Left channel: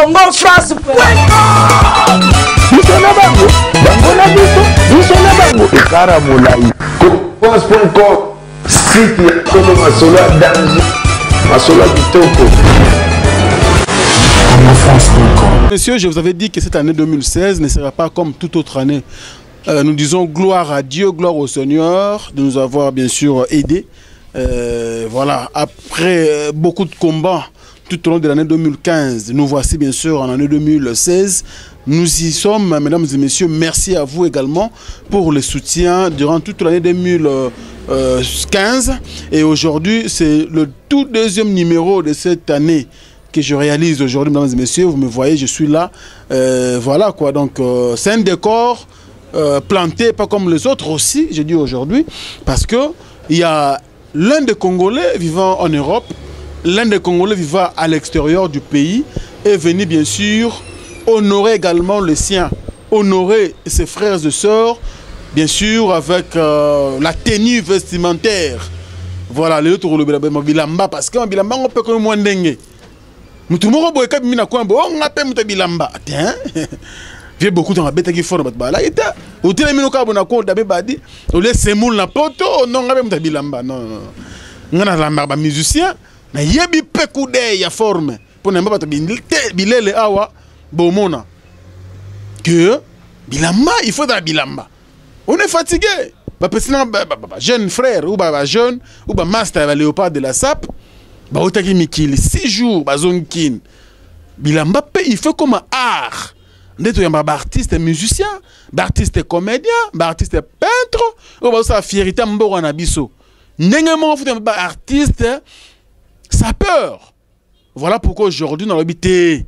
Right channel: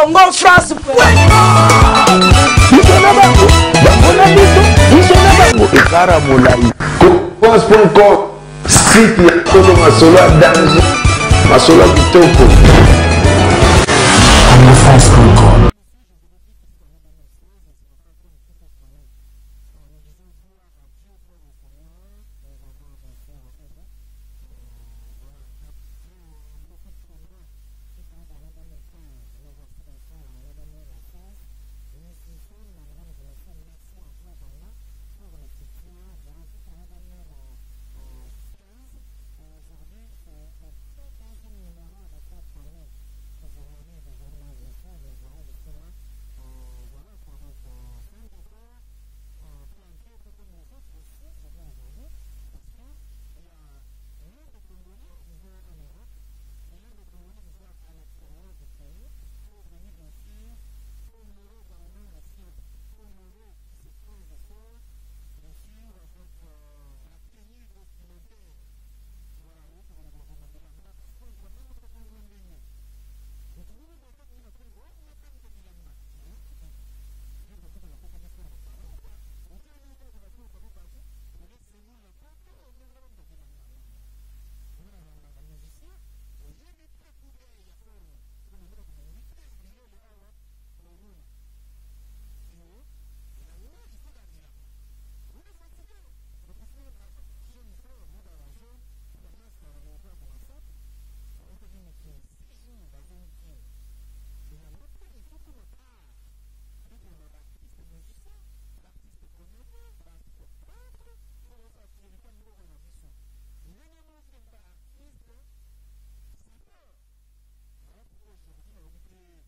Congo France. Messieurs, je vous avais dit que cette année 2016 ne sera pas comme toute autre année. Nous disons gloire à Dieu, gloire au Seigneur de nous avoir bien sûr aidés. Voilà, après beaucoup de combats tout au long de l'année 2015, nous voici bien sûr en année 2016. Nous y sommes, mesdames et messieurs. Merci à vous également pour le soutien durant toute l'année 2015. Et aujourd'hui, c'est le tout deuxième numéro de cette année que je réalise aujourd'hui, mesdames et messieurs. Vous me voyez, je suis là. Voilà quoi. Donc, c'est un décor planté, pas comme les autres aussi, je dis aujourd'hui, parce que il y a l'un des Congolais vivant en Europe, l'un des Congolais vivant à l'extérieur du pays est venu bien sûr honorer également le sien, honorer ses frères et sœurs, bien sûr avec la tenue vestimentaire. Voilà, les autres bilamba parce que bilamba on peut comme moins dengue. Mutumo boy ka mina kwa bo on appelle muta bilamba. Tiens. J'ai beaucoup de bête qui font là et ta au télémino ka bona ko dabe badi au les semoul na poto non ngabe muta bilamba non ngana la marba musicien na yebi pekude ya forme pour ne pas bilele awa bomona que bilamba il faut dans bilamba on est fatigué jeune frère ou jeune ou master léopard de la SAP ba otaki mikili 6 jours bazonkin bilamba il fait comme un art ndeto yamba artiste musicien artiste comédien artiste peintre ou ba sa fierté mbora na biso ndenge mo futa artiste sapeur. Voilà pourquoi aujourd'hui dans l'habité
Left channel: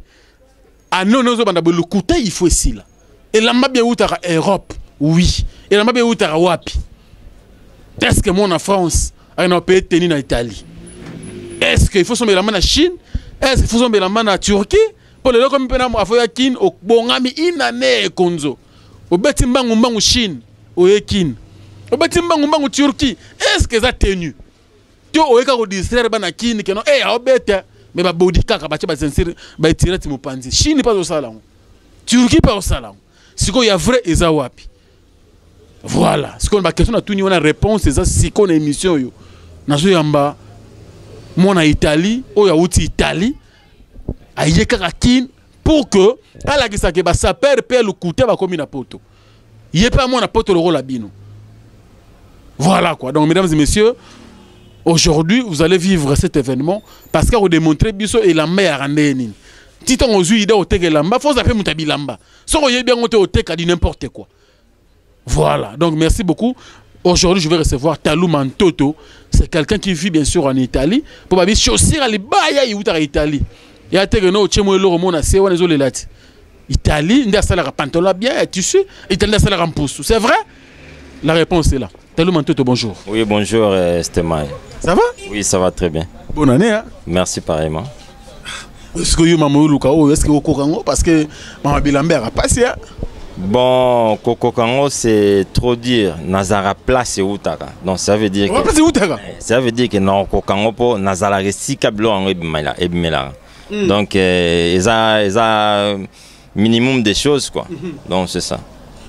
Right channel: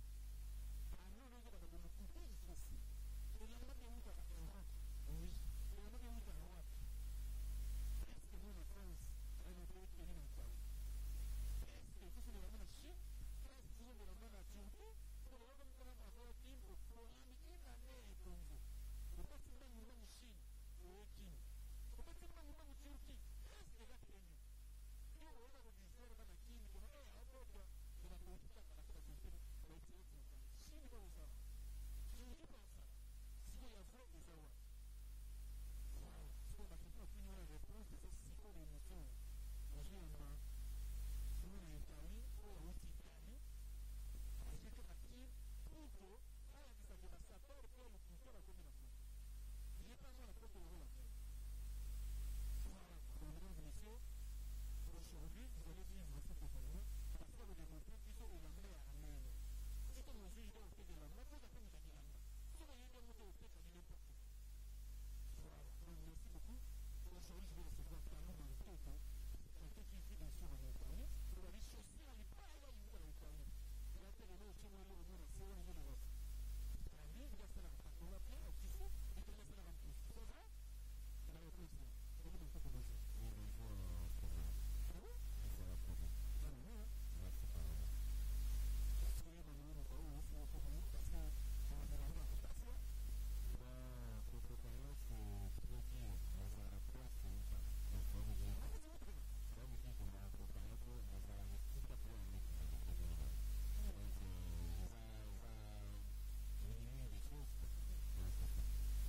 à non nous le côté il faut ici là et là m'a bien outra Europe oui et là m'a bien outra wapi est-ce que mon en France a un pays tenu en Italie est-ce qu'il faut sommer la main en Chine est-ce qu'il faut sommer la main en Turquie pour le comme pena mo afoya kin au bongami inane konzo au beti mbangu mbangu Chine au ekin au beti mbangu mbangu Turquie est-ce que ça tenu tu oeka ko distraire bana kin que non eh obeta mais ba body kaka ba tba sincere ba tirer ti mopanzi Chine pas au salon Turquie pas au salon siko ya vrai eza wapi voilà ce qu'on ba question na tout ni on a réponse eza siko na émission yo nazo yamba mona Italie o ya uti Italie aye kaka kin pour que ala ki sa ke ba saper pe le couté ba komi na poto yé pas mona poto le rôle abino voilà quoi. Donc mesdames et messieurs, aujourd'hui, vous allez vivre cet événement parce que vous démontrez biso et la meilleure année. Titon aux yeux au teke lamba, faut appeler mutabi lamba. Sans bien au teke dit n'importe quoi. Voilà. Donc merci beaucoup. Aujourd'hui, je vais recevoir Talou Mantoto. C'est quelqu'un qui vit bien sûr en Italie. Pour ma vie, chaussir à l'Ibaya et en Italie. Il y a teke no chemo lo romona se wana zo lelati. Italie, nda sala pantalon bien tissu, Italie sala rampousse. C'est vrai? La réponse est là. Talou Mantoto, bonjour. Oui, bonjour Stémaï. Ça va? Oui, ça va très bien. Bonne année. Hein? Merci pareillement. Est-ce que vous avez est-ce que vous avez parce que Maman Bilambert a passé? Bon, Kokokango, c'est trop dire. Nazara place et Outaka. Donc ça veut dire que. Ça veut dire que non, Kokokango pour Nazara resti kablo en ebimela. Donc ils a minimum des choses quoi. Donc c'est ça.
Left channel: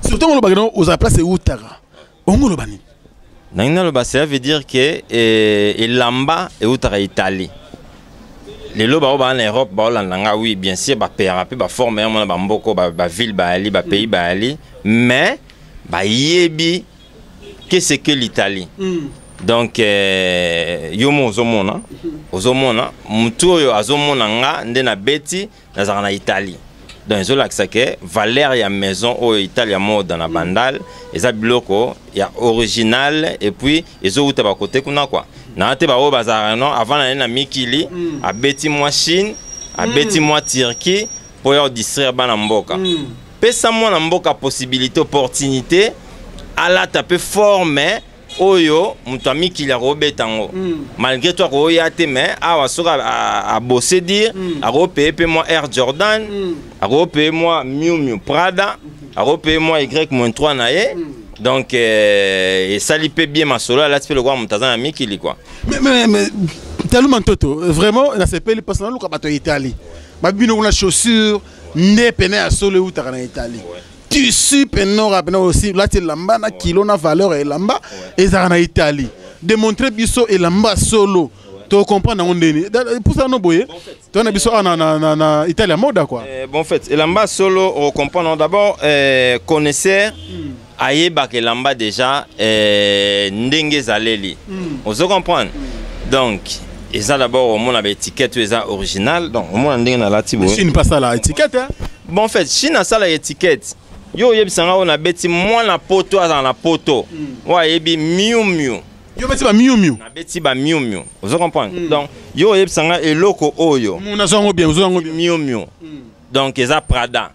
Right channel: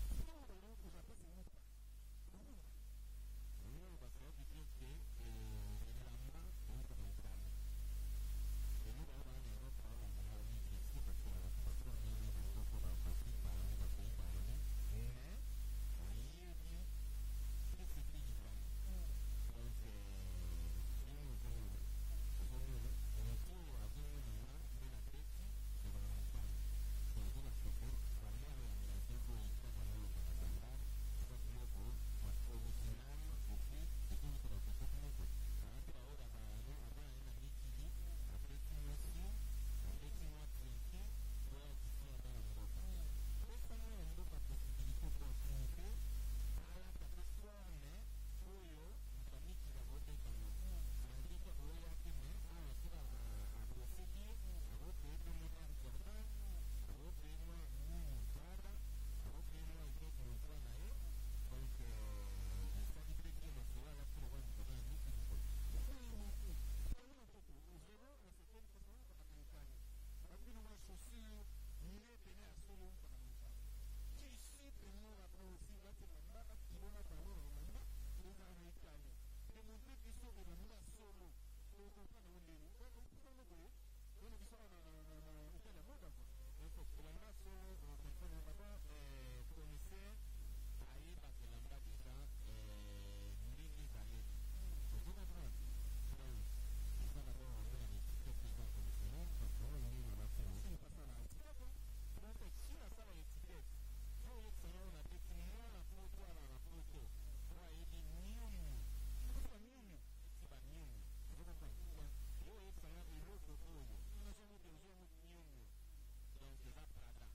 Surtout on le aux a place et Outaka. On le bani. Ça veut dire que Lamba et Outaka Italie. Les lots en Europe, oui, bien sûr, former un ville, pays, mais yebi, qu'est-ce que l'Italie? Donc, yomo ozomona, mutu azomona nga ndena beti na Italie. Donc, ils ont que valeur ya maison au Italie mode dans la bandale, ils ont bloco, il y a original et puis ils ont à côté kuna quoi. Na te ba o bazar non avant na mikili a beti moi Chine, a beti moi Turquie pour y distraire bana mboka. Pesa moi na mboka possibilité opportunité à la taper former oyo mutami ki la robetango malgré toi ko ya te mais awa soka a bosser dire a repé moi Air Jordan a repé moi Miu Miu Prada a repé moi Y-3 nae donc et ça lui paie bien ma solo là tu peux le voir mutazana mikili quoi mais Taluma Ntoto, vraiment, on a ces pays parce que nous avons Italie. Babino on a chaussures, ne peine à solo ou en Italie. Tissu penora aussi là c'est lamba na kilo na valeur et lamba et ça en Italie. Démontrer biso et lamba solo. Tu comprends on est pour ça non boye. Tu as biso na Italie mode quoi. Bon en fait, et lamba solo on comprend d'abord connaisseur ayeba que lamba déjà ndenge zaleli. On se comprend. Donc et ça d'abord au monde avec étiquette originale donc au monde ndenge na latibo. Chine pas ça la étiquette hein. Bon en fait, Chine a ça la étiquette. Yo yebisanga on a beti moi na poto à la poto. Wa yebi miu miu. Yo beti ba miu miu. Na beti ba miu miu. Vous comprenez? Donc yo yebisanga eloko oyo. Muna zongo bien, zongo bien. Miu miu. Donc eza Prada.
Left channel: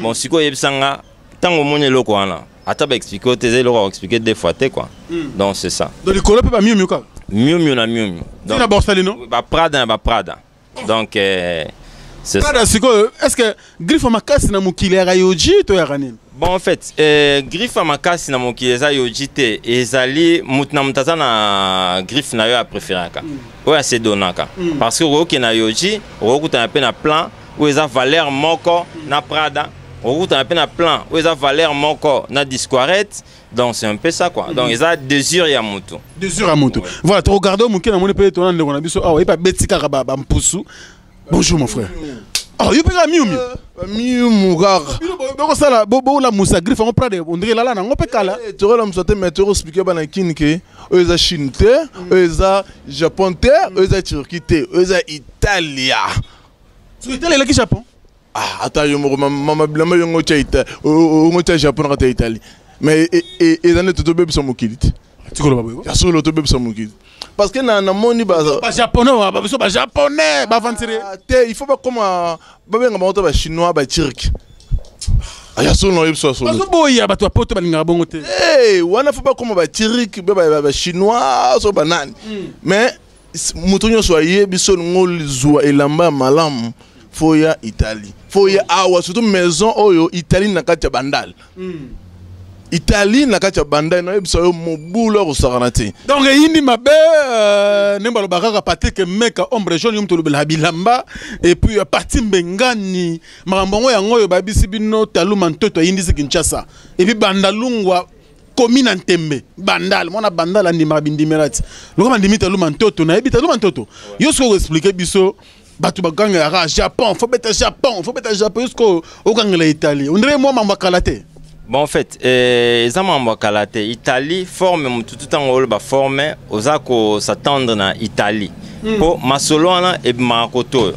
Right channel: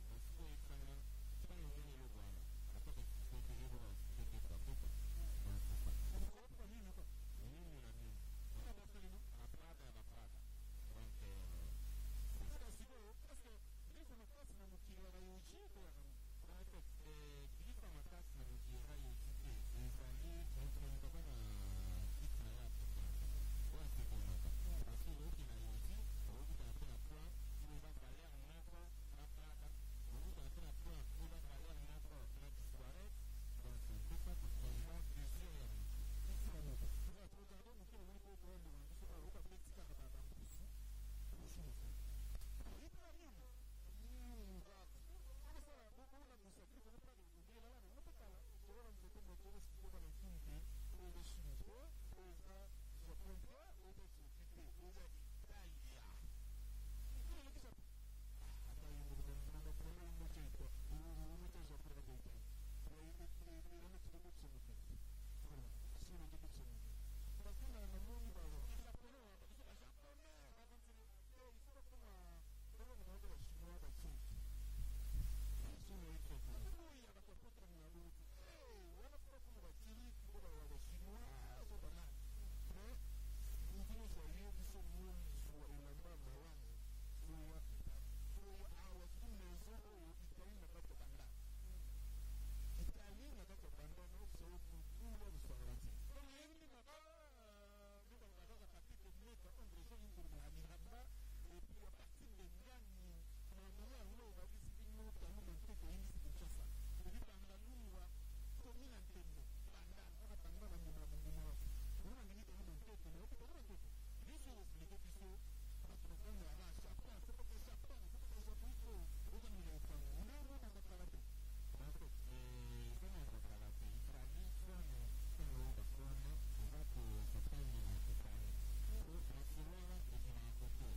Bon siko yebisanga tango moni eloko wana. Ata ba expliquer tes eloko expliquer deux fois quoi. Donc c'est ça. Donc le color peut pas miu miu quoi. Miu miu na miu miu. Donc la Borsali non? Ba Prada ba Prada. Donc c'est ça. Est-ce que griffe makasi na mukile ya yoji to ya kanini? Bon en fait, griffe makasi na mukile za yoji te ezali mutna mutaza na griffe na yo a préféraka. Oya se donaka. Parce que oke na yoji, okuta na pe na plan ou eza valeur moko na Prada, okuta na pe na plan ou eza valeur moko na Discoarette. Donc c'est un peu ça quoi. Donc ils ont désir ya mutu. Désir ya mutu. Voilà, tu regardes mukile na moni pe to na ndeko na biso awa, ipa betika ba mpusu. Bonjour mon frère. Oh, il peut pas mieux. Mieux mougar. Bon ça là, bon la moussa griffe on prend on dirait là on peut cala. Tu vois la moussa te mettre expliquer bana kin que eux za Chine te, eux za Japon te, eux za Turquie te, eux za Italia. Tu Italie là qui Japon? Ah, attends yo mama blama yo ngocha Italie, ngocha Japon ngata Italie. Mais et dans le tout bébé son mokilite. Tu connais pas boy? Ya solo to bébé son mokilite. Parce que na moni ba japonais, ba japonais, ba vantire. Il faut pas comme ba benga ba ba chinois ba turc. Aya solo no yebso solo. Parce que boya ba to poto ba linga bongo te. Eh, wana faut pas comme ba turc, ba chinois so banane. Mais mutonyo so yebiso ngol zwa elamba malam foya Italie. Foya awa surtout maison oyo Italie na kati bandal. Italie na kati bandai na yebisa yo mobulo ko sakanate. Donc yindi mabe nemba lo bakaka Patrick meka ombre jaune yum to lo bilamba et puis parti mbengani makambo yango yo babisi bino Taluma Ntoto yindi se Kinshasa et puis bandalungwa commune Ntembe bandal mona bandal andima bindimerati lokoma ndimi Taluma Ntoto na yebi Taluma Ntoto yo so expliquer biso batu baganga ya Japon faut beta Japon jusqu'au okangela Italie on dirait moi makalate. Bon en fait, les amants Kalate, Italie forme tout le temps on va former aux accords s'attendre na Italie. Pour Masolona et Makoto.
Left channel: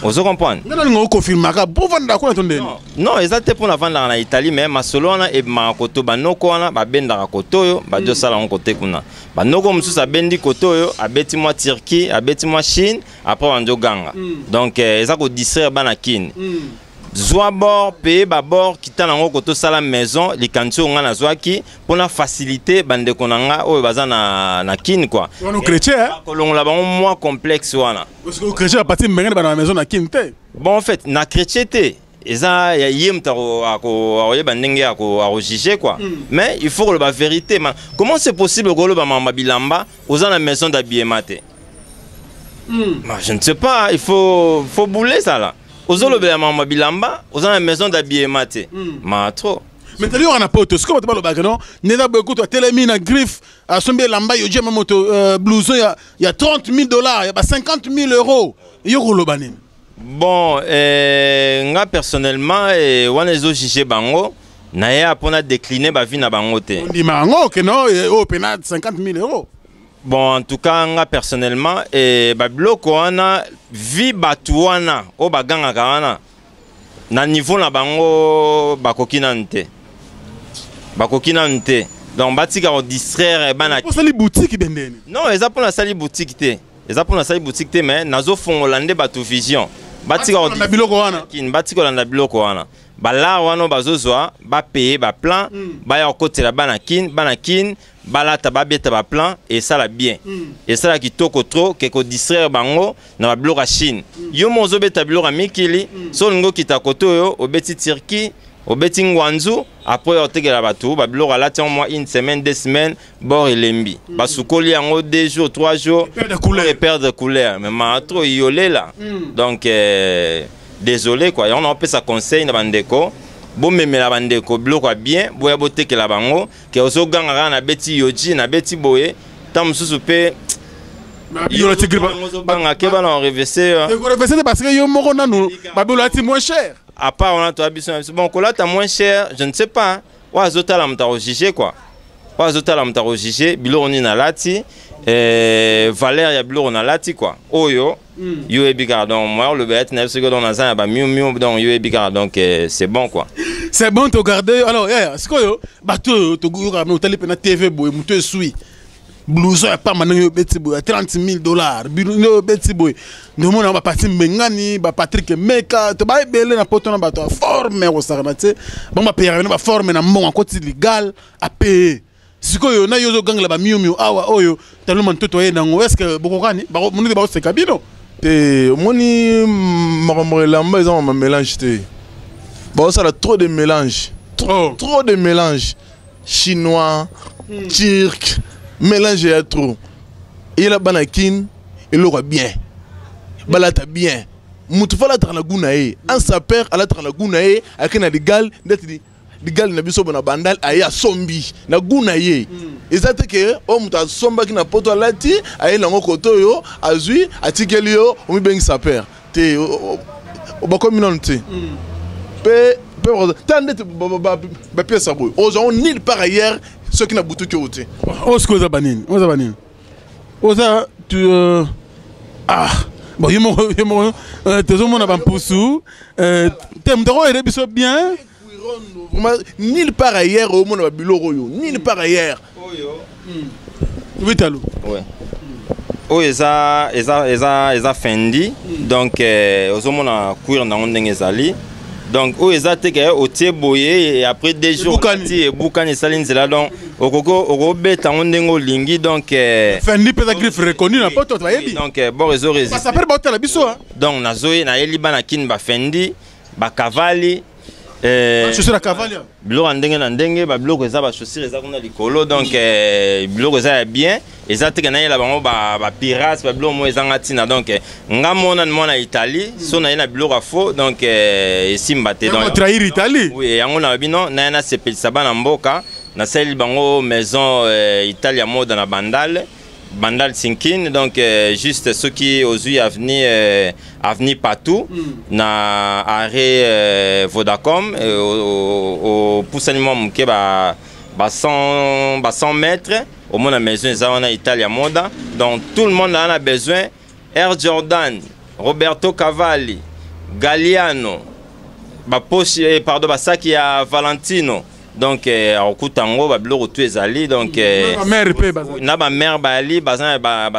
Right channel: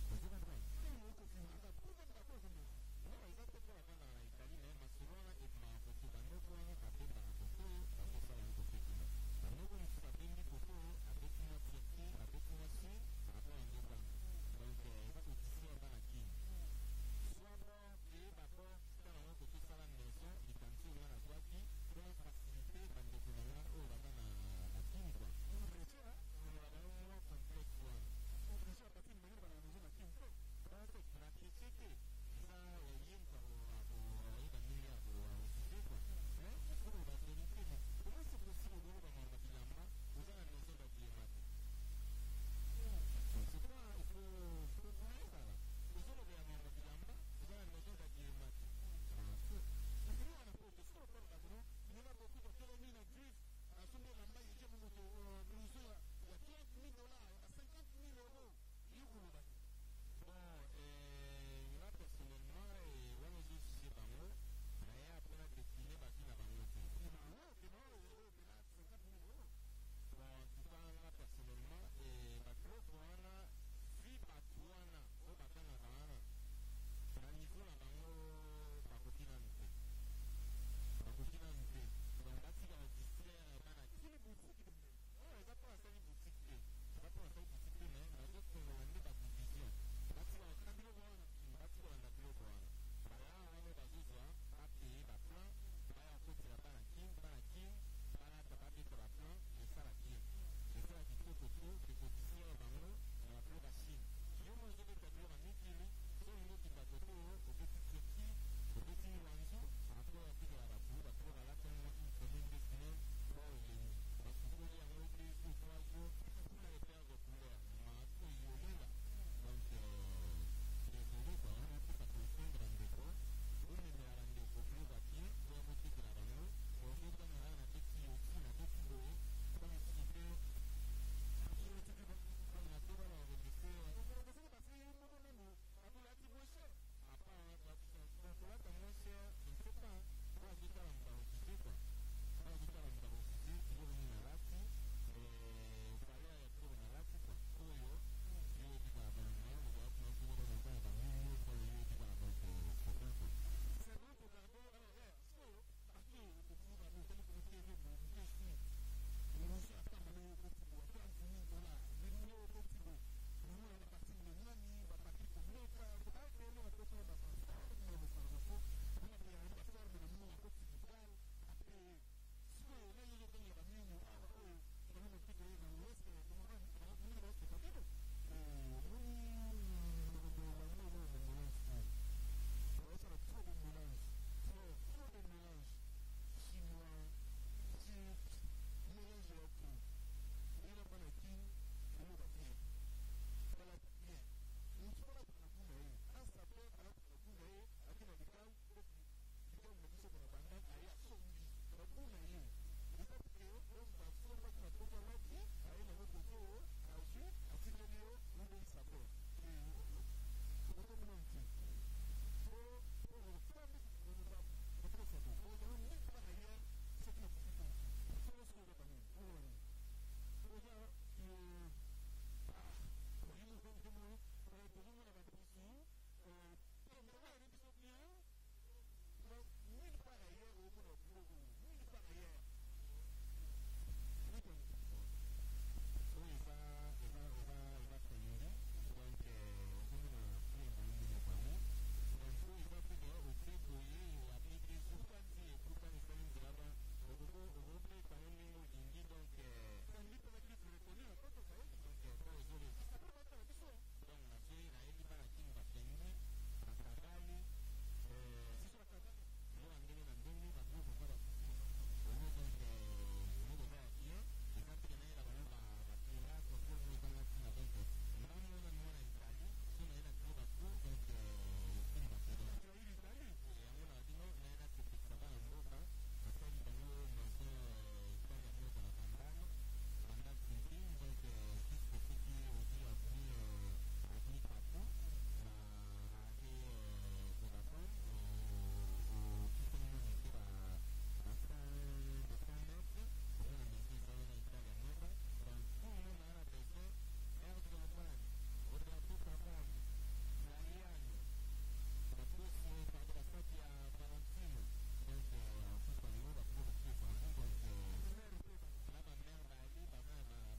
Vous comprenez? Non, confirme pour vendre quoi attendez. Non, exactement pour la vendre en Italie mais Masolona et Makoto banoko wana ba benda koto ba deux sala on côté kuna. Banoko mususa bendi koto yo abeti moi Turquie, abeti moi Chine, après on ganga. Donc ça ko distraire banakin. Zoa bord payer babord quitter nango koto sala maison les kancho nga na zoaki pour na faciliter bande konanga o baza na kin quoi. On chrétien kolong la ba moins complexe wana. Parce que chrétien a parti mbengana na maison na kin te. Bon en fait na chrétien te eza ya yem taro ako yeba ndenge ako juger quoi. Mais il faut que la vérité man. Comment c'est possible que le ba mama bilamba aux na maison d'habillement te? Je ne sais pas, il faut bouler ça là. Ozolo be mama bilamba, ozana maison d'habillement te. Ma trop. Mais t'as dit on a pas auto, c'est comme tu parles au bac non? Nena beaucoup toi télémine à griffe à somber lamba yo jema moto blouson il y a $30,000, il y a 50,000 €. Yo rolo banin. Bon nga personnellement wana zo jige bango na ya pona décliner ba vie na bango te. On dit mango que non au pénal 50,000 €. Bon en tout cas nga personnellement ba bloko wana vi batuana o baganga kana na niveau na bango bakokina nte. Bakokina nte. Donc batika o distraire bana. Pour ça les boutiques bendeni. Non, eza pour la sali boutique te. Eza pour la sali boutique te mais nazo fongolande batu vision. Batika o na biloko wana. Kin batika na biloko wana. Bala wana bazozwa ba payer ba plan ba ya kotela bana kin balata ba beta ba plan et ça la bien. Et ça la kitoko trop que ko distraire bango na ba biloko Chine. Yo mozo beta biloko mikili so ngo kitakoto yo obeti Turquie au beti ngwanzu après otekela bato ba biloko alati en mois une semaine 2 semaines bord elembi ba sukoli yango 2 jours 3 jours et perdre couleur mais ma trop yolé là donc désolé quoi on a fait ça conseil na bandeko bon même la bandeko biloko bien boya botekela bango ke ozoganga na beti yoji na beti boye tam susu pe yo te griba banga ke bana reverser parce que yo moko nanu ba biloko moins cher. À part on a toi bon là t'as moins cher je ne sais pas wa zota la mta juger quoi wa zota la mta juger bilo on na lati valeur ya bilo on a lati quoi oyo yo ebika donc moi le bet 9 secondes on a ça ba mieux donc yo ebika donc c'est bon quoi c'est bon to garder alors c'est quoi yo bato to go ka no tele pe na TV boy muto sui blouson ya pas maintenant yo beti boy $30,000 bilo beti boy no mona ba parti mengani ba Patrick Meka to ba ebele na poto na bato forme ko sarana te bon ba payer na ba forme na mbongo côté légal a payer sikoyo na yo zo gangla ba miu awa oyo tellement toto yena ngo est-ce que bokokani ba munide ba se kabino te moni makambo lamba ils ont un mélange te bon ça a trop de mélange trop de mélange chinois turc mélange ya trop il a banakin il aura bien balata bien mutu fala tra na gunae en sa père ala tra na gunae akena legal ndeti legal na biso bona bandal aya sombi na gunae ezate ke o mutu somba kina poto alati aye na ngokoto yo azui atikeli yo o mi bengi sa père te o ba kominon te pe tande ba pièce boy on nil par ailleurs ceux qui n'a boutou que ôté oza banine oza tu bon yemo tezo mona ba mpusu tem doro ere biso bien nil par ailleurs au mona ba biloko yo nil par ailleurs oui talo ouais o eza fendi donc ozomona cuir na ndenge ezali donc o ezate ke o tie boye et après 2 jours ti bukani salinzela donc okoko beta ndenge olingi donc fendi pesa griffe reconnu na poto to yebi donc bon réseau résiste ça peut ba la biso donc nazoye na yeli bana kin ba fendi ba cavali chaussure la cavali biloko ndenge na ndenge ba biloko eza ba chaussure eza kuna likolo donc biloko eza bien eza te kana yela bango ba pirates ba biloko mo eza ngatina donc nga mona Italie so na yena biloko faux donc esimba te donc trahir Italie oui yango na bino na yana sepelisa bana mboka na seli bango maison Italia mode na Bandal Sinkin donc juste ceux qui aujourd'hui avenir partout na arrêt Vodacom au poussement mke ba 100 mètres au moins la maison en Italia Moda donc tout le monde en a besoin Air Jordan Roberto Cavalli Galliano ba poche pardon ba sac ya Valentino donc okutango ba biloko tu ezali donc na ba mère ba ali ba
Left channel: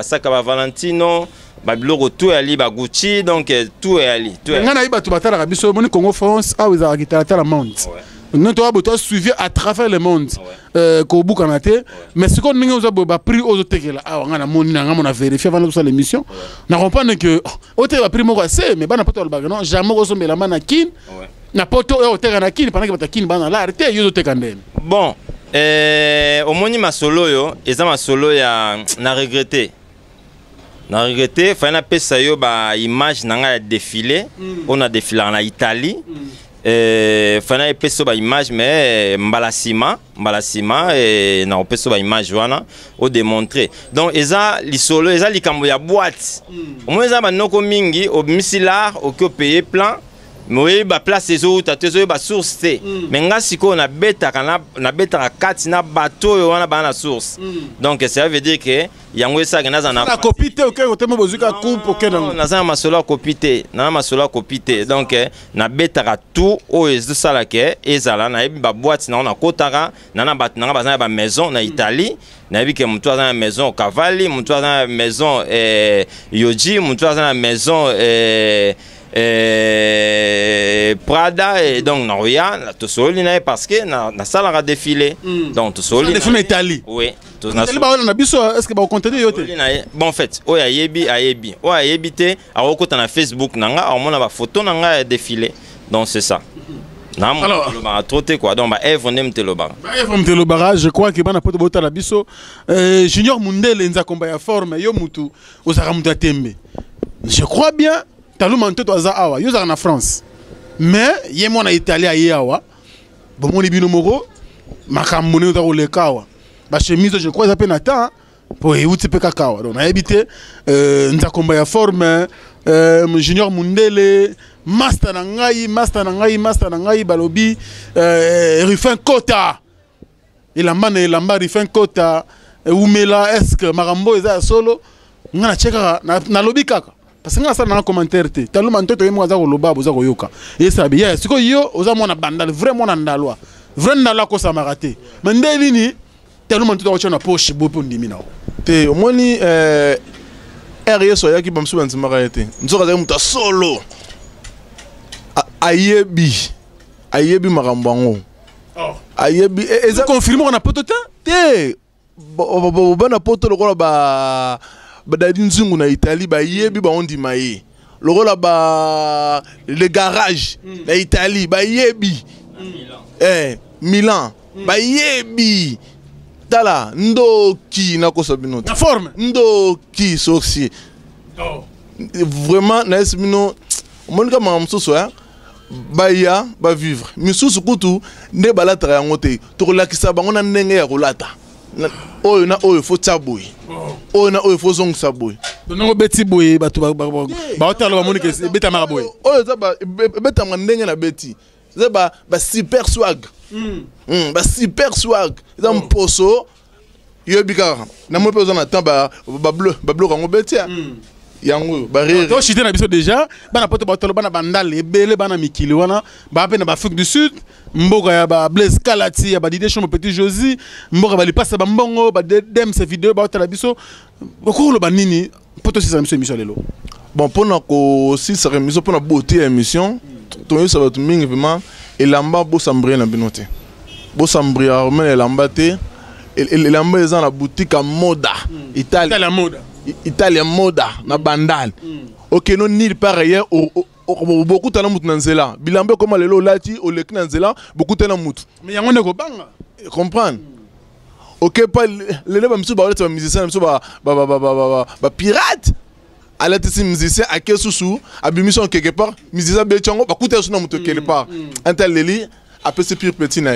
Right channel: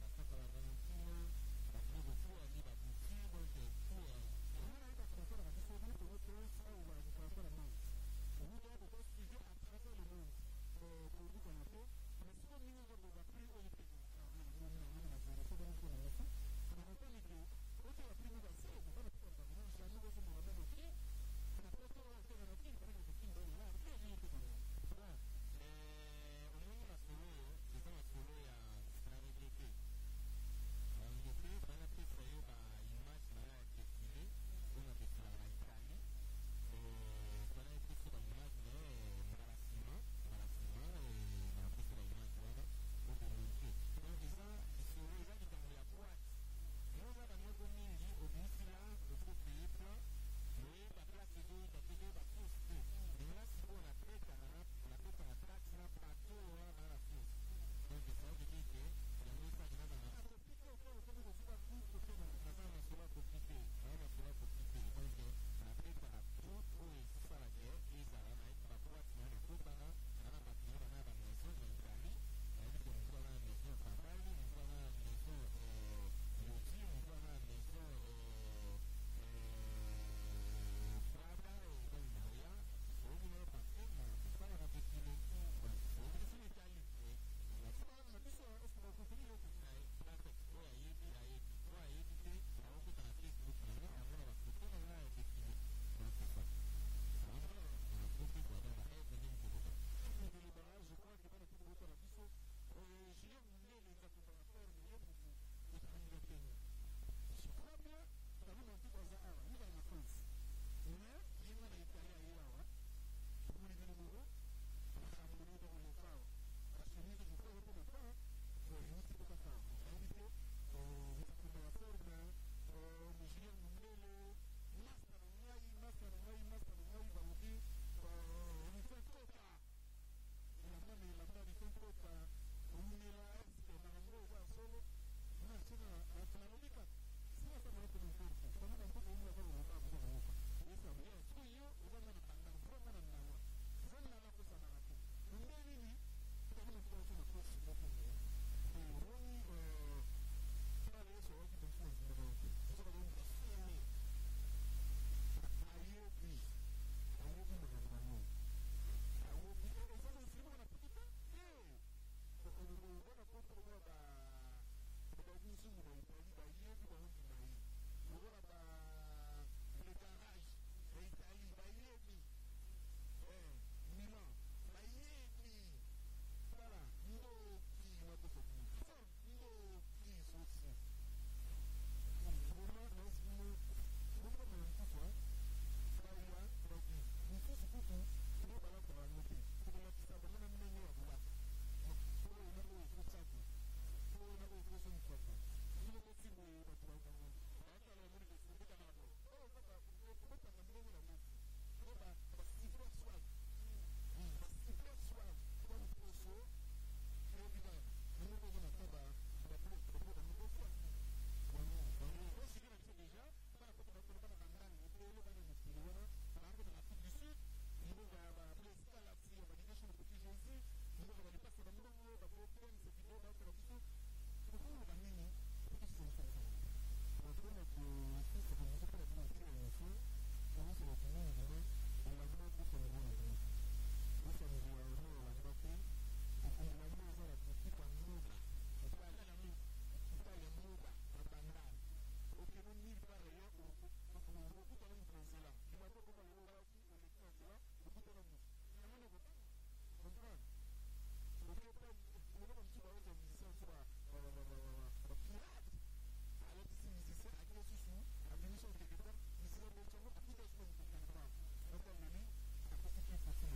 saka ba Valentino ba biloko tu ali ba Gucci donc tout ali tout ngana iba tu batala ka biso moni Congo France a weza kitala la monde non toi tu suivi à travers le monde ko bukana te mais ce qu'on ninga ba prix aux tekela a ngana moni na ngana vérifier avant de l'émission na comprendre que au te ba prix moko assez mais bana poto ba non jamais ko sombela mana kin na poto o teka na kini pendant que batakini bana la arrêté yo teka ndene bon au moni masolo yo eza masolo ya na regretter fana pesa yo ba image nanga défilé on a défilé en Italie fana pesa ba image mais mbalasima et na pesa ba image wana o démontrer donc eza lisolo eza likambo ya boîte au moins eza banoko mingi au misilar au ko payer plan moi ba place les autres tezo ba source te mais nga siko na beta kati na bateau yo wana ba na source donc ça veut dire que yango esa na na copie te OK otemo bozuka coupe OK na za masolo copie donc na beta tout o ezo sala ke ezala na ba boîte na kotara na bat na ba maison na Italie na bi ke mutu na maison Cavalli mutu na maison Yoji mutu na maison Prada et donc Noria to soli na parce que na sala ra défilé donc to soli na Italie oui to na na biso est-ce que ba contenu yote bon en fait o ya yebi te a okota na Facebook nanga a mona ba photo nanga défilé donc c'est ça Alors, quoi. Donc, je crois que bana poto bota la biso Junior Mundele nza komba ya forme yo mutu ozaka mutu atembe. Je crois bien Taluma Ntoto aza awa yo zaka na France. Mais ye mona Italie aye awa. Bon moni bino moko makambo ne ozaka lekawa. Ba chemise je crois ça pe na temps pour euti pe kakawa. Donc na habité nza komba ya forme Junior Mundele master na ngai balobi Rufin Kota ilamba Rufin Kota umela est-ce que marambo eza solo ngana cheka na lobi kaka parce que ngana sa na commentaire te Taluma Ntoto yemo za ko loba boza ko yoka esa bien siko yo oza mona bandal vraiment na ndalwa vraiment ko samarate mais ndeli ni Taluma Ntoto ko chona poche bopo ndimi na te omoni RS oyaki bamsu banzimaka ete nzoka za muta solo ayebi makambo yango ayebi eza confirmé on a poto te bana poto lokola ba dadi nzungu na Italie bayebi baondima ye lokola ba le garage na Italie bayebi Milan bayebi tala ndoki na kosabino na forme ndoki soxi vraiment na esmino monika mamsuso baya ba vivre misusu kutu nde balata yango te to kolakisa bango na ndenge ya kolata oyo na oyo fo tsaboy oyo na oyo fo zongisa boy dongo beti boy batu ba otalo ba monika beta mara boy oyo za ba beta ndenge na beti za ba super swag ba super swag za mposo yobika na mo pezo na temps ba bleu kango beti yango barrière to chité na biso déjà bana poto batolo bana bandal ebele bana mikili wana ba pe na Afrique du Sud mboka ya ba Blaise Kalati ya ba Didier Chombo Petit Josi mboka ba lipasa ba mbongo ba dem ces vidéos ba otala biso okolo banini poto si sa émission lelo bon pona ko si sa émission pona beauté émission to yo ça va tout mingi vraiment elamba bo sambré na binote bo sambré armen elamba te elamba eza na boutique à moda Italie moda Italia moda na bandal ok non nulle part ailleurs beaucoup tala mutu na nzela bilambe comme lelo lati o lek na nzela beaucoup tala mutu mais yango ne ko banga comprendre ok pas lelo ba msu ba oleta ba musicien msu ba pirate ala tisi musicien a kesusu abimission quelque part musicien be chango ba kuta suna mutu quelque part antel leli a peu pire petit na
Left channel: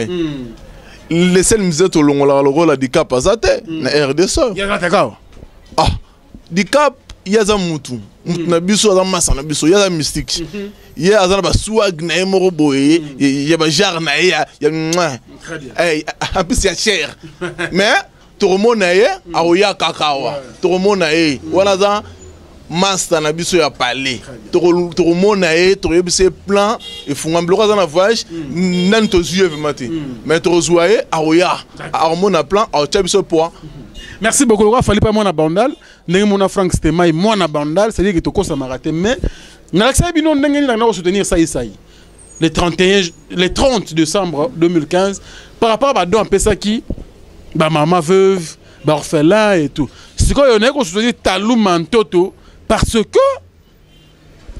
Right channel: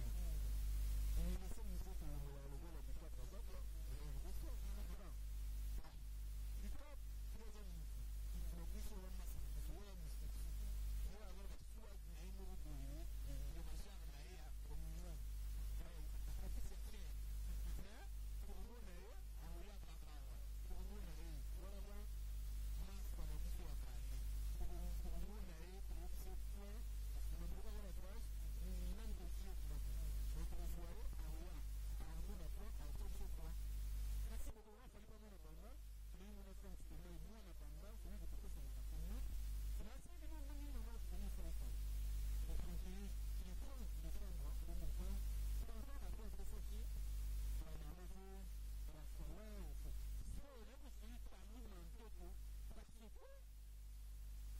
les seuls musiciens to longola logola dicap azate na RDC ya takao Dicap yaza mutu na biso za masa na biso yaza mystique ye azana ba swag na emoro boye ya ba jar na ya apis ya cher mais to remona ye aoya kakawa to remona ye wana za master na biso ya palais to remona ye to yebise plan e funga bloka za na voyage nan to zuye vemate mais to zoye aoya armona plan au chabiso poids. Merci beaucoup. Il fallait pas mon bandal. N'est mon Frank Stemai mon bandal, c'est-à-dire que tu causes à m'arrêter. Mais n'accès bino n'engagne la soutenir ça. Le 30 décembre 2015, par rapport à don pesa qui, bah maman veuve, bah orphelin et tout. C'est quoi on est qu'on soutenir Taluma Ntoto parce que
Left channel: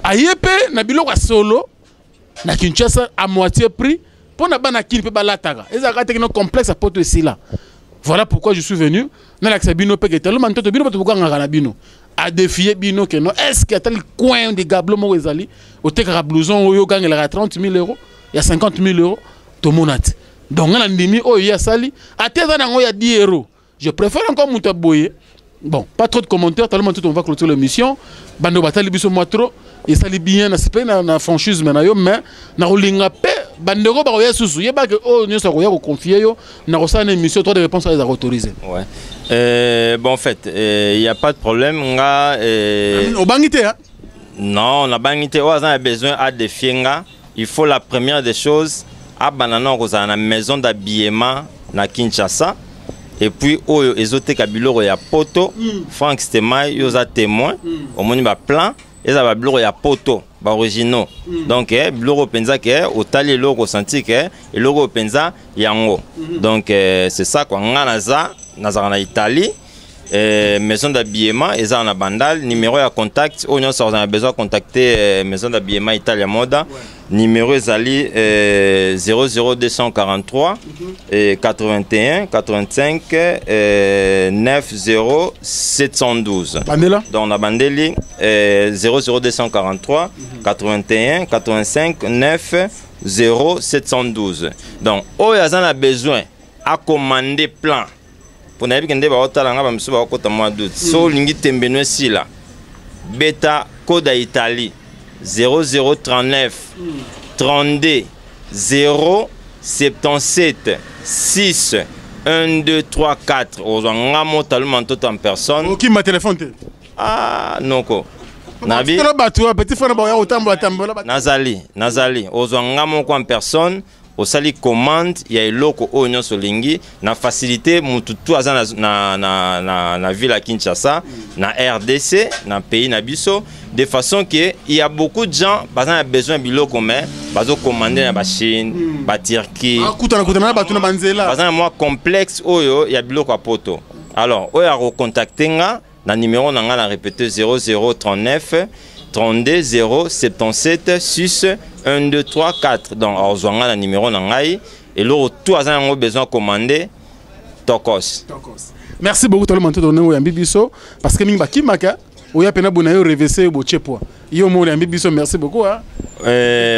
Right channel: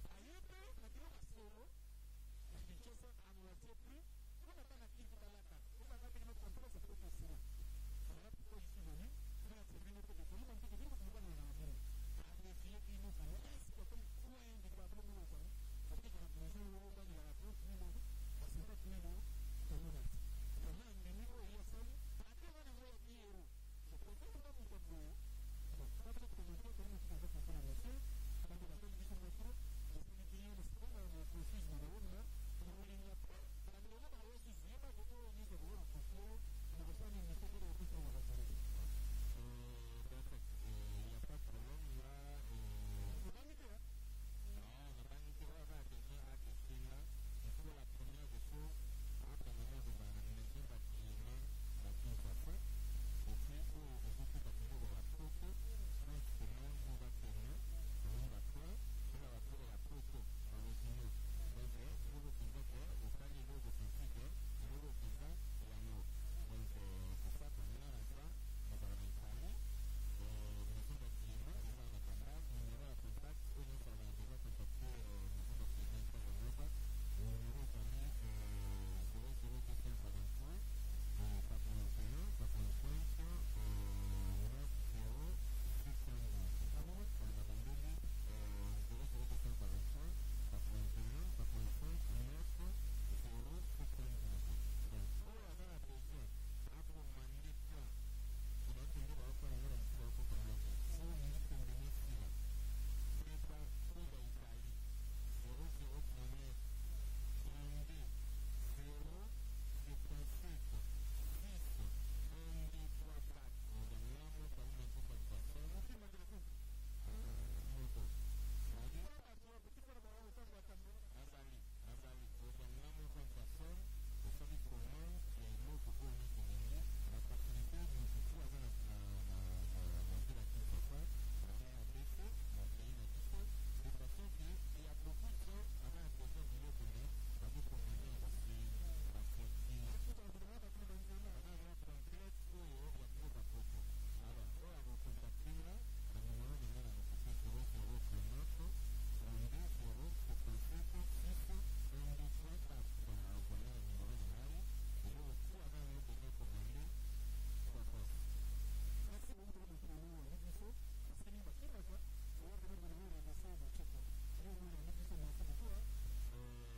ayepe na biloko solo na Kinshasa à moitié prix pour na bana kin pe balataka. Ezaka techno complexe à porter ici là. Voilà pourquoi je suis venu. Dans l'accès bino peke Taluma Ntoto bino pas ngana bino a défier bino que non est-ce qu'il y a tel coin de gablo mo ezali au tekara blouson oyo gangela 30 000 €, il y a 50 000 € to monate. Donc on a ndimi oyo ya sali ateza nango ya 10 €. Je préfère encore muta boye. Bon, pas trop de commentaires, Taluma Ntoto on va clôturer l'émission. Bando batali biso moi trop et sali bien na sepe na franchise mais na rolinga pe bandego ba ya susu yeba que oh nyoso ko ya ko confier yo na ko sa na émission trois de réponses à les autoriser. Ouais. Bon en fait, il y a pas de problème nga au bangité hein. Non, on a bangité on a besoin à défier nga, il faut la première des choses à banana ko za na maison d'habillement na Kinshasa. Et puis, les kabilo ya poto, Frank Stemai, ils ont témoin, au moins ba plan, ils ont kabilo ya poto, ba originaux. Donc, bilo penza que au tali logo senti que et logo penza yango. Donc, c'est ça quoi. Nganaza, nazara na Italie, maison d'habillement et ça en a bandal numéro à contact on a besoin de contacter maison d'habillement Italia Moda numéro ezali 00243 81 85 90 712 bandela donc on a bandeli 00243 81 85 9 0712 donc on a besoin à commander plan pour n'aller que ndeba otala ngaba msuba okota mois d'août so lingi tembeno sila beta code Italie 0039 32 077 6 1 2 3 4 ozanga mota mantoto en personne qui ma téléphone ah noko nabi petit frère ba otambola nazali ozanga moko en personne osali commande ya eloko oyo nyonso lingi na facilité mutu tu aza na ville à Kinshasa na RDC na pays na biso de façon que il y a beaucoup de gens bazana besoin biloko mais bazo commander na ba Chine ba Turquie kutana batu na banzela bazana moi complexe oyo ya biloko a poto alors oyo a recontacter nga na numéro na nga na répéter 0039 32 077 6 1 2 3 4 donc ozwanga na numéro na ngai et le tout a besoin de commander tokos. Merci beaucoup tout le monde donné au Bibiso parce que mingi bakimaka oya pena bona yo RVC bo chepo yo mo le Bibiso merci beaucoup hein.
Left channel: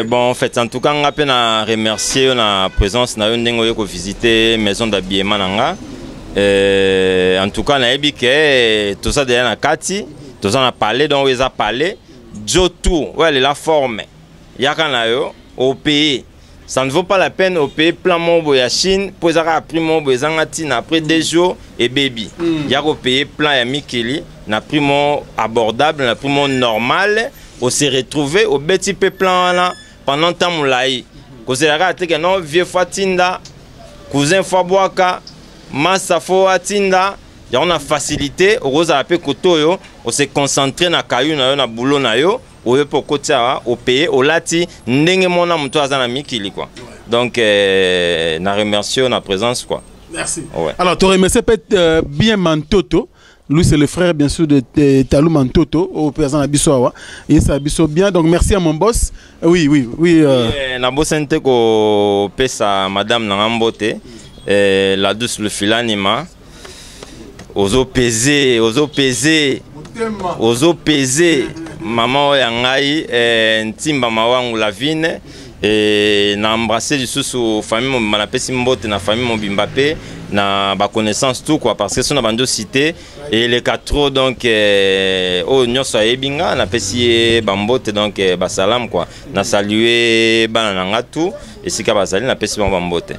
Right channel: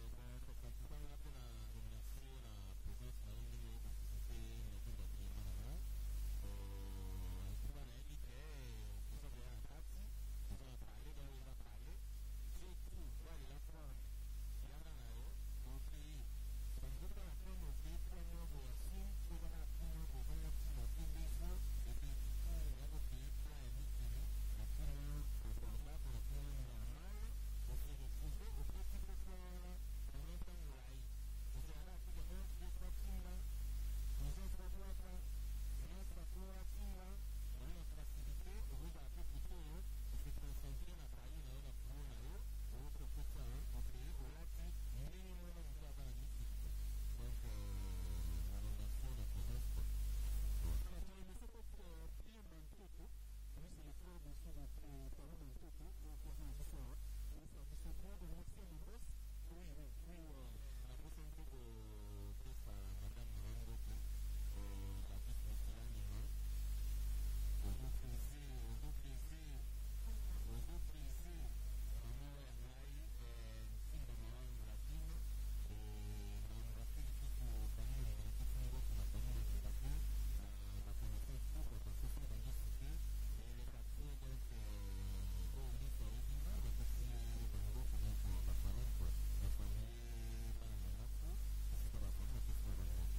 Bon en fait en tout cas on a peine remercier la présence na yo ndengo yo ko visiter maison d'habillement nanga en tout cas na ebike tout ça derrière na kati tout ça on a parlé donc ils a parlé Jotou ouais la forme yakana yo au pays ça ne vaut pas la peine au pays plan mobo ya Chine pour ça prix mobo ezangatina après 2 jours et baby ya ko payer plan ya Mikeli na prix abordable na prix normal on s'est retrouvé au petit peu plan là pendant temps moulai ko se la te que non vieux fatinda cousin Faboaka massa fo atinda ya on a facilité au rose à pe kotoyo on s'est concentré na kayu na yo na boulot na yo au pokotia au pays au lati ndenge mona muto azana Mikili quoi donc na remercie na présence quoi merci ouais. Alors tu remercies peut-être bien Mantoto lui c'est le frère bien sûr de Talou Mantoto au président Abisoa et ça Abiso bien donc merci à mon boss oui na bossente ko pesa madame na ngambote la douce le filanima ozo peser maman yangai ntimba mawangu la vine et na embrasser du sous famille na pesi mbote na famille mobimba pe na ba connaissance tout quoi parce que son bando cité et les quatre donc oh nyoso ebinga na pesi bambote donc ba salam quoi na saluer bana nga tout et si ka bazali na pesi bambote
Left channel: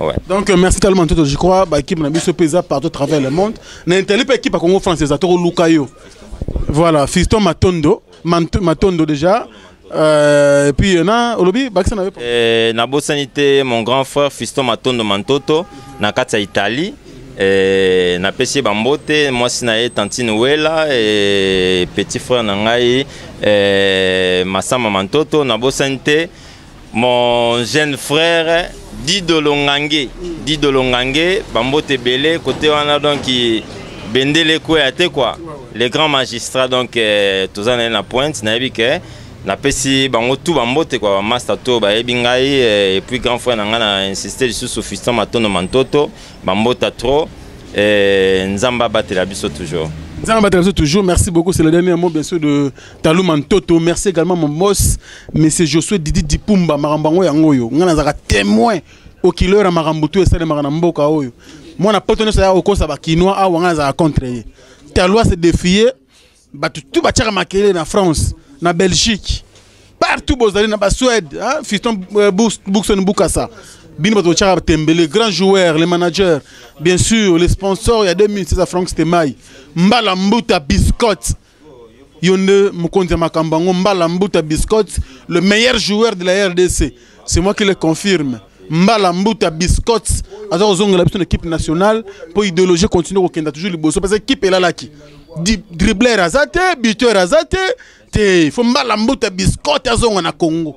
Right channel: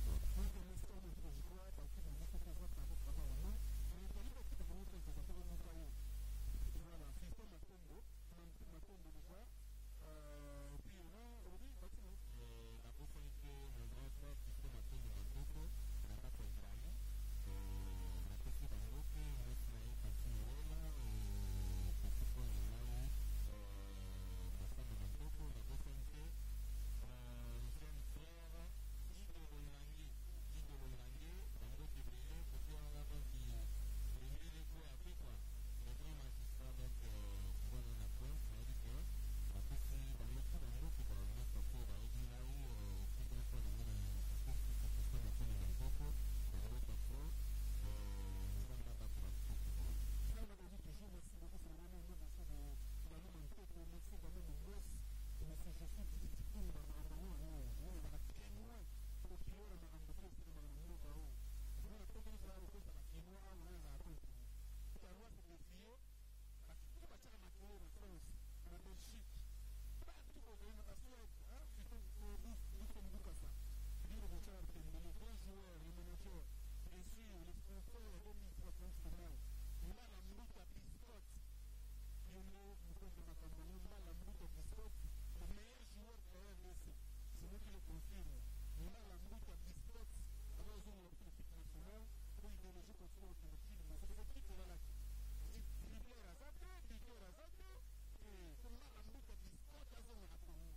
ouais donc merci tellement tout je crois ba équipe na biso pesa partout à travers le monde na intelli équipe Congo française atoro lukayo voilà Fiston Matondo déjà et puis na olobi bakisa na na bosanité mon grand frère Fiston Matondo Mantoto na kati ya Italie na pesi bambote moi sina tantine wela et petit frère na ngai Masama Mantoto na bosanité mon jeune frère Dido Longange bambote belé côté wana donc bendele quoi les grands magistrats donc tous en na pointe na ebike na pesi bango tout bambote quoi master to ba ebingai et puis grand frère na ngana insister sur Fiston Matondo Mantoto bambota trop nzamba batela biso toujours. Toujours, merci beaucoup. C'est le dernier mot bien sûr de Talou Mantoto. Merci également mon boss, monsieur Josué Didi Dipumba, Marambango Yangoyo. On a témoin au kilo à Marambutu et Sade Maramboka Oyo. Moi, on a pas tenu ça au Kosa Bakinois, à on a contre. Talou s'est défié, tout bâtir Makele en France, en Belgique, partout, en Suède, Fiston Boukson Boukassa. Les grands joueurs, les managers, bien sûr, les sponsors, il y a 2006 à Franck Stemaï. Mbala Mbuta Biscotte. Yonde Mukonzi Makambango, Mbala Mbuta Biscotte, le meilleur joueur de la RDC. C'est moi qui le confirme. Mbala Mbuta Biscotte, alors on a une équipe nationale pour idéologie continuer au Kenya toujours le boss parce que l'équipe est là là qui dribbler Razate, buteur Razate, il faut Mbala Mbuta Biscotte à zone en Congo.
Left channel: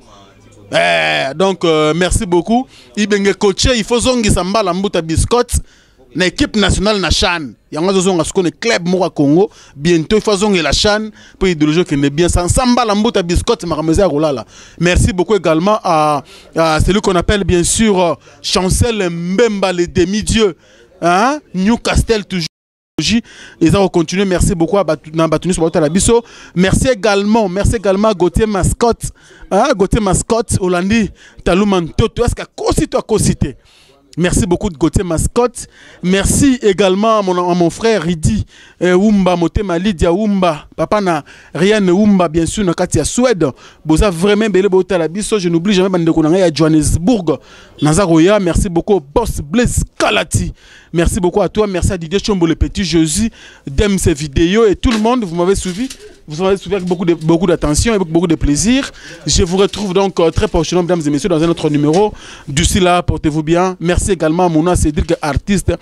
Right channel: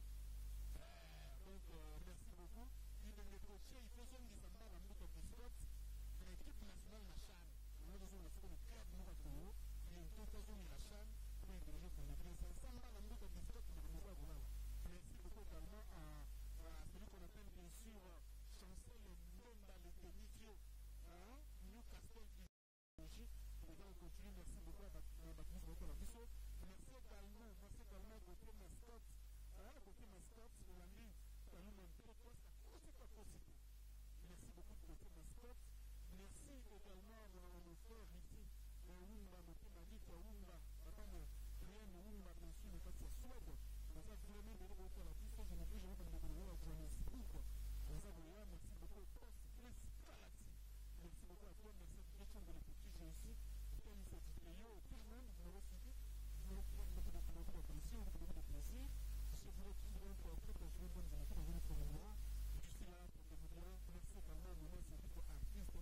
Donc merci beaucoup. Il coaché, il faut zongi samba la mbuta biscotte. na équipe nationale na CHAN. Il y a un club Mora Congo. Bientôt, il faut que la CHAN pour idéologie qui est bien. Samba Lambota Biscotte Marameza Rolala. Merci beaucoup également à celui qu'on appelle bien sûr Chancel Mbemba, le demi-dieu. Hein? Newcastle toujours. Ils ont continué. Merci beaucoup à Batounis sur la Bisso. Merci également à Gauthier Mascotte. Hein? Gauthier Mascotte, Hollandi, Talouman Toto. Est-ce qu'il a cité? Merci beaucoup de Gauthier Mascotte. Merci également à mon frère Ridi Oumba, Motema Lydia Oumba, papa na Riane Oumba, bien sûr, na Katia Suède. Boza vraiment belé bota la biso. Je n'oublie jamais Bande Konanga à Johannesburg. Nazaroya, merci beaucoup au boss Blaise Kalati. Merci beaucoup à toi. Merci à Didier Chombo, le petit Josie, d'aime ces vidéos et tout le monde. Vous m'avez suivi. Vous m'avez suivi avec beaucoup d'attention et avec beaucoup de plaisir. Je vous retrouve donc très prochainement, mesdames et messieurs, dans un autre numéro. D'ici là, portez-vous bien. Merci également à Mouna Cédric, artiste,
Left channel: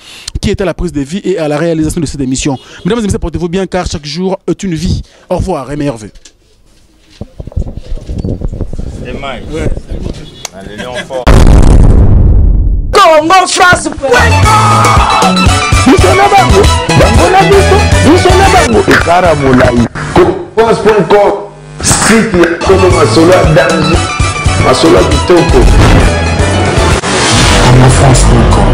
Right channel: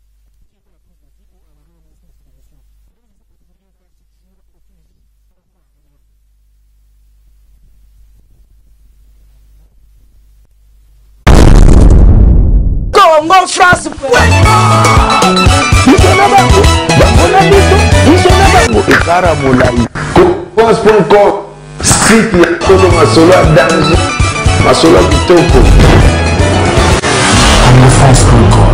qui était à la prise de vie et à la réalisation de cette émission. Mesdames et messieurs, portez-vous bien car chaque jour est une vie. Au revoir et meilleurs vœux. C'est Mike. Ouais. Allez, Léon fort. Congo France. France.com, site ya Kolo Masolo à danger, Masolo à Kitoko. CongoFrance.com.